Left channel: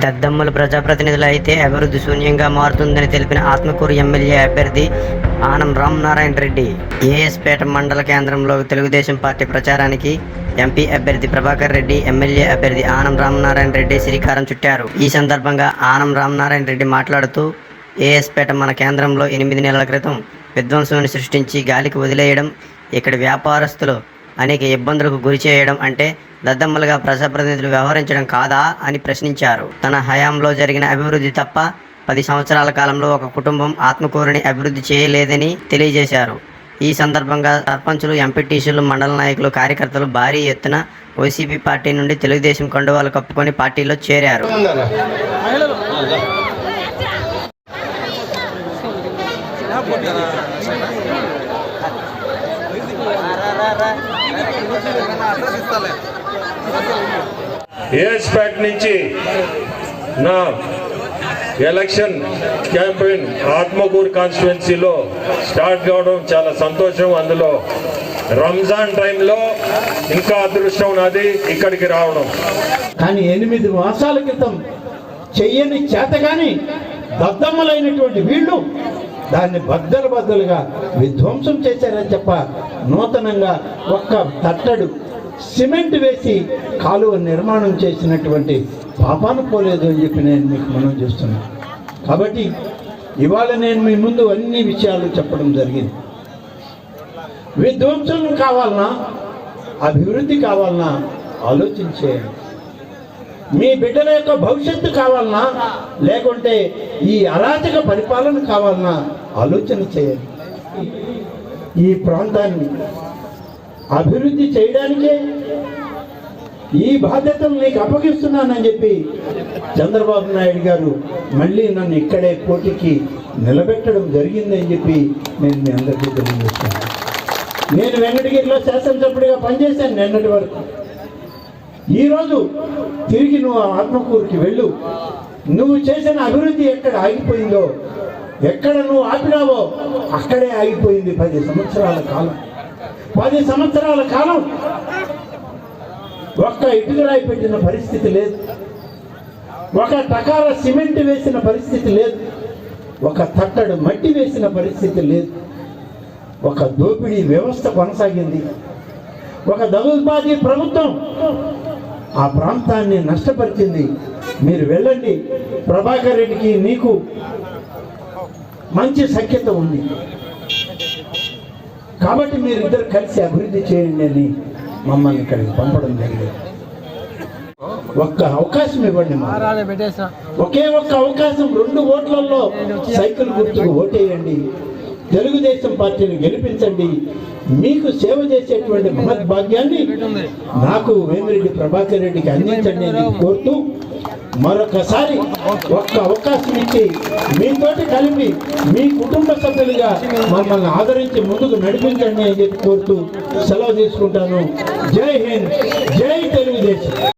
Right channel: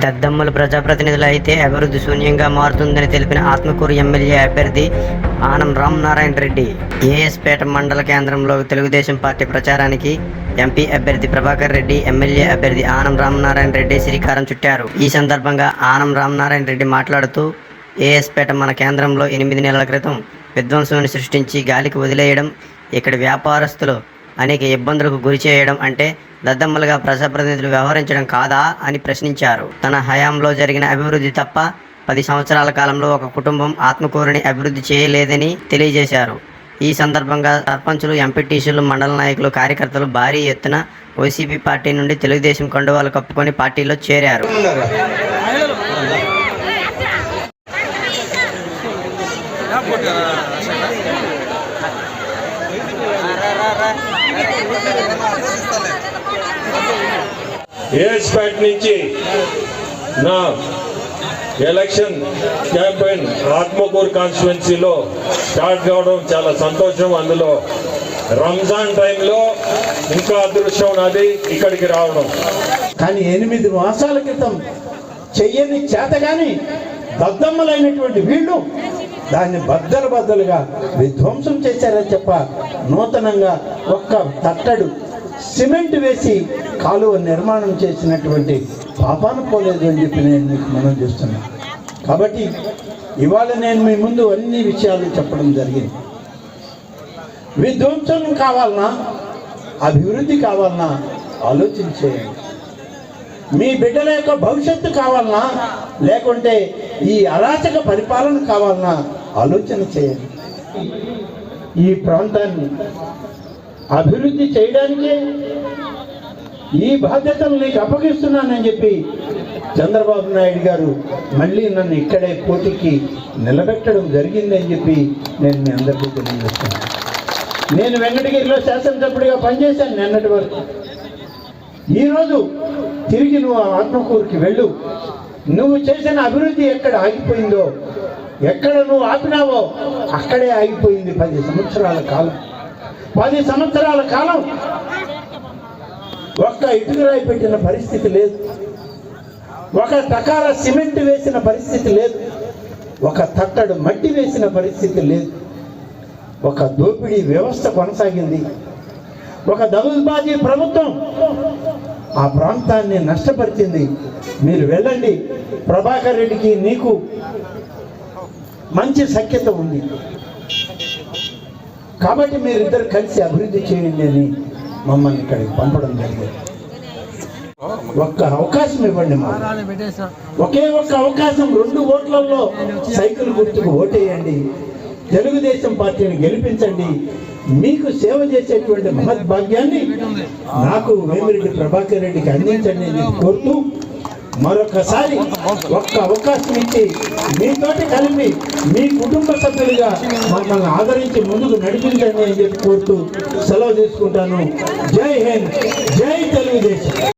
దద్దమ్మలు ప్రజాప్రతినిధులు అయితే అభివృద్ధి శూన్యంగా మారుతుందని తెలిపిన ఆత్మకూరు ఎమ్మెల్యే అభ్యర్థి ఆనం రామనారాయణ రెడ్డి. ఏఎస్పేట మండల కేంద్రంలో తెలుగుదేశం పార్టీ ప్రచారానికి ఎంపీ అభ్యర్థి ప్రభాకర్ రెడ్డి ఎమ్మెల్యే అభ్యర్థి ఆనం రామనారాయణ రెడ్డి శ్రీకారం చుట్టారు. ఈ సందర్భంగా ఆనం రామనారాయణ రెడ్డి మాట్లాడుతూ ఏఎస్పేట మన కేంద్రంలో ఎనిమిది నెలల క్రితం విధ్వంసాన్ని సృష్టించి గాలికి వదిలేయడం ఇక్కడ వ్యాపారస్తులు అనేక ఇబ్బందులకు గురి చేయడం అంటే దద్దమ్మలుగా ప్రజాప్రతినిధులు వ్యవహరించడం కాదా అని ప్రశ్నించారు. తన హయాంలో జరిగిన అభివృద్ధి తప్ప పది సంవత్సరాల కాలంలో ఒక కుటుంబం ఆత్మకూరుని అభివృద్ధి చేయలేదని తెలియజేశారు. ఈ సందర్భంగా సర్పంచులు ఎంపీటీసీలు మండల నాయకులు కార్యకర్తలు భారీ ఎత్తున వైసీపీ పార్టీ నుండి తెలుగుదేశం కండువాలు కప్పుకొని పార్టీలో చేరారు. ఏఎస్పేట్ నుంచి నా ఎలక్షన్ క్యాంపెయిన్ ఆత్మకూరు కాన్స్టిట్యున్సీలో స్టార్ట్ కావడం చాలా సంతోషం. అందులో రంజాన్ టైంలో ఇంకా అదృష్టం నాది ఇక్కడికి రావడం. కానీ ఎనిమిది మాసాల క్రితం చెయ్యని కానీ దద్దమ్మలైనటువంటి వీళ్ళు దాన్ని బద్దలు బద్దలుగా విధ్వంసం చేశారని చెప్ప నూతనంగా ఒక్క తట్టడు సిమెంట్ వేసి కాలువ నిర్మాణం చేసినటువంటి పాపాను పోలేదు అని చెప్పి నేను మీకు మనం చేస్తున్నాను కాబట్టి ఇవాళ నేను మీ ముందు అన్ని విషయాలు చెప్పడం జరిగింది. విధ్వంసం కావాలన్నా అభివృద్ధి కావాలన్నా ఆలోచించేయండి మీ బిడ్డల యొక్క భవిష్యత్తు కావాలన్నా లేకుంటే ఈ అరాచక పరిపాలన కావాలన్నా ఆలోచన చేయండి. ఈ ప్రాంతాన్ని అభివృద్ధి చేయడానికే ఈ బాధ్యతలు నీకు అప్పగిస్తున్నానని చెప్పి చంద్రబాబు నాయుడు గారు మళ్ళీ నన్ను ఇక్కడే పోటీకి నిలబెట్టడం జరిగిందని చెప్పి నేను మీ అందరికీ తెలియజేస్తాను. నేను వెంకటగిరిలో శాసనసభ్యుడిగా పనిచేశాను నిన్నటి వరకు. ఈరోజు తిరిగి నువ్వు ఆ ఆత్మకూరుకి వెళ్ళు. నువ్వు చేసిన అభివృద్ధి ఎక్కడ ఆగిపోయిందో ఎక్కడ నువ్వు ఆపినావో అక్కడే ఆగిపోయింది పది సంవత్సరాల కాలం. పది సంవత్సరాల కాలం ఒక్క ఇటుకరాయి పెట్టిన పరిస్థితి లేదు. ఒక తకాల సిమెంట్ వేసిన పరిస్థితి లేదు. ఒక తట్టడు మట్టి వేసిన పరిస్థితి లేదు. ఒక దోపిడీ వ్యవస్థ కొనసాగింది. ఒక దగుల్బాజీ ప్రభుత్వం ఆ ప్రాంతాన్ని నష్టపరిచింది. మీరు వెళ్ళండి. ప్రభాకర్ రెడ్డికి నీకు మంచి సఖ్యత ఉంది. కాబట్టి మీరిద్దరు కలిసి అభివృద్ధి చేయండి అని మమ్మల్ని ఇక్కడికి పంపడం జరిగింది. ఒక్క అవకాశం ఇవ్వండి ఒకే ఒక్క అవకాశం రెండు ఓట్లలో సైకిల్ గుర్తుకు ఓటేయండి. తెలుగుదేశం పార్టీని గెలిపించండి. మీకు సేవ చేసేటువంటి మహద్భాగ్యాన్ని నాకు వేమిరెడ్డి ప్రభాకర్ రెడ్డికి అందించండి అని కోరుతూ మరొకసారి ఒక్క అవకాశం ఇచ్చి మీతోటి కలిపి మీ కుటుంబ సభ్యులుగా మమ్మల్ని ఆదరించి ముందుకు నడిపించండి అని చెప్పి కోరుతూ సెలవు తీసుకుంటాను. జై హింద్. జై తెలుగుదేశం.